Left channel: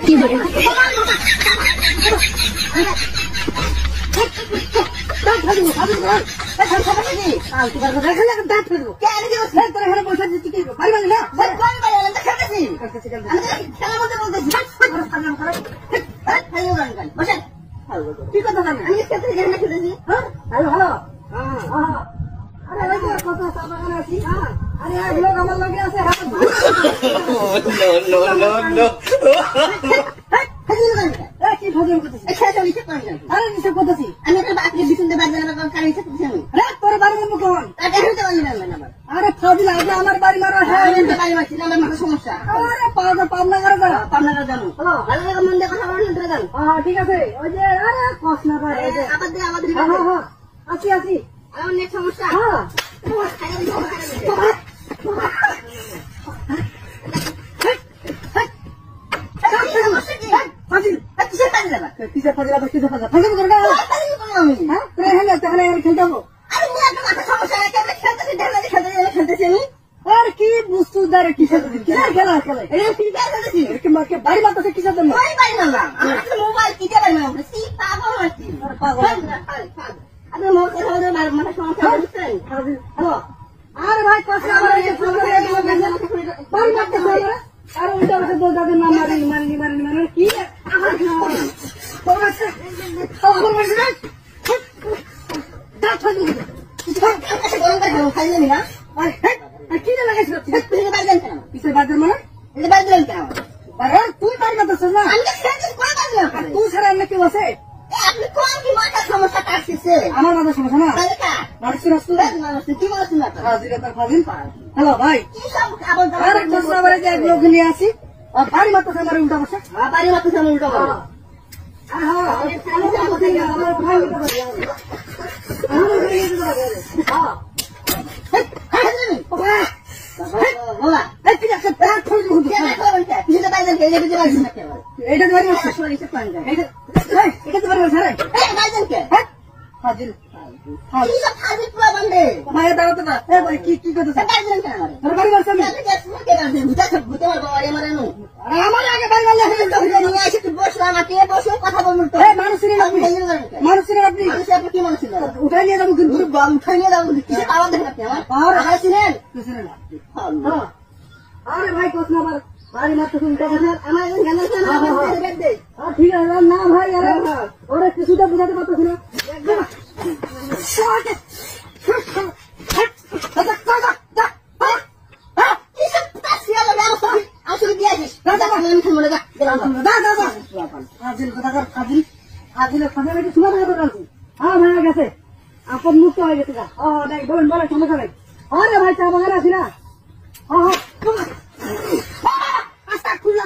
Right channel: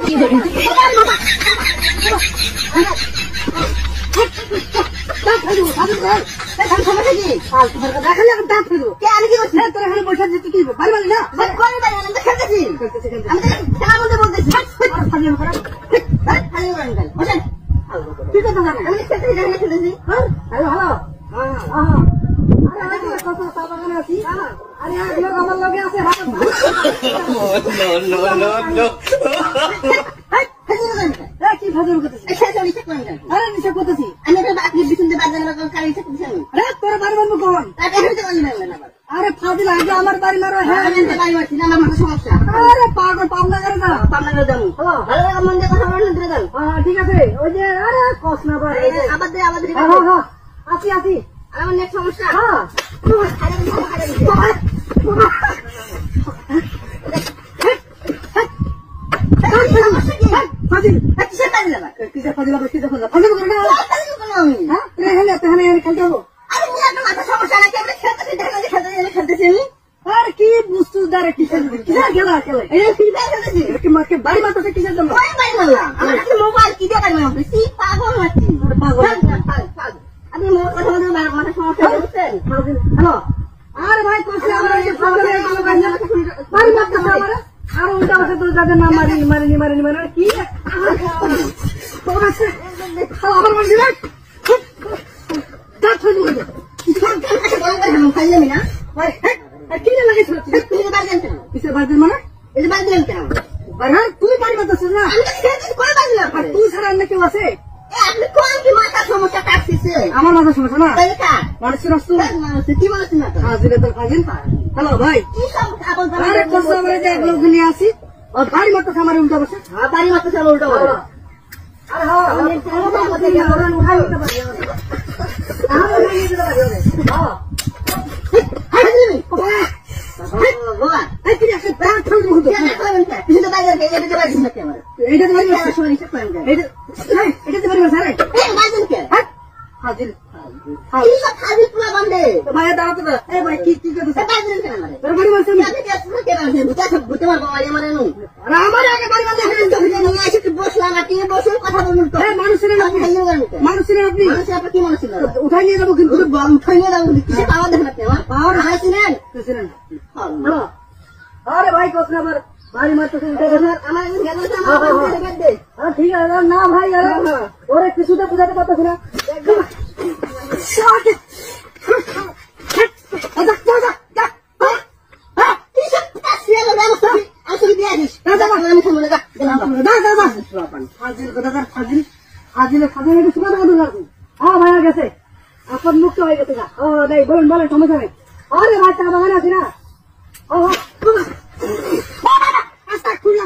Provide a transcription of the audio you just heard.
কি বলি কি ভজন করতেছি আরে নিচে করতেছি আমি তো আপনি বিছুন দিয়ে বাজার কারি করতেছি আরে তোর বাড়ি বলবো কোন তাতে হইতে পারলি না আবার আরে ফাজিল আগে আমার বাড়ি মারো হ্যাঁ আমি বাড়ি মারছি না আমার মাথা সমস্যা আরে পাগল পাবনা করে যা পাবনা করে যাবো ভালো করে মন দিয়ে কথা বলুন ধরে যান ঠিক আছে ওই যে আরে কষ্ট না পারে আবার দে আবার হ্যাঁ হ্যাঁ আসি আসি আমার নেট সমস্যা হ্যাঁ আরে ভাই আর উল্টা বসে তো যাদের নাম মারি কি তুই বাড়ি বাঁধছিস না তুই ছাড়া অন্য কেউ আছে আমার মাথার সমস্যা না মানুষের হ্যালো ভাই লোক নিয়ে আসি বাড়ি মাত্র খামারে উল্টা বসে বাড়ি মাত্র খামার উল্টা বসে মানুষের আপনি কি মনে ছিল উঠাই নিয়ে যাবো উঠাই নিয়ে যাবো কিসে পাওয়ার দেখেন আপনি আমার পাওয়ার হারাইছিলেন আরে ভাই কোস না বাড়ি মারতে আমার ঠিক আছে না ভাই আরে ওরে কিছুটা বুঝাতে পারতেছি না ভাইয়া গেছে আপন মুক্ত হয়ে গেছে বলেন সমস্যা নেই আরে ভাই চা বাগান আছি না খুলা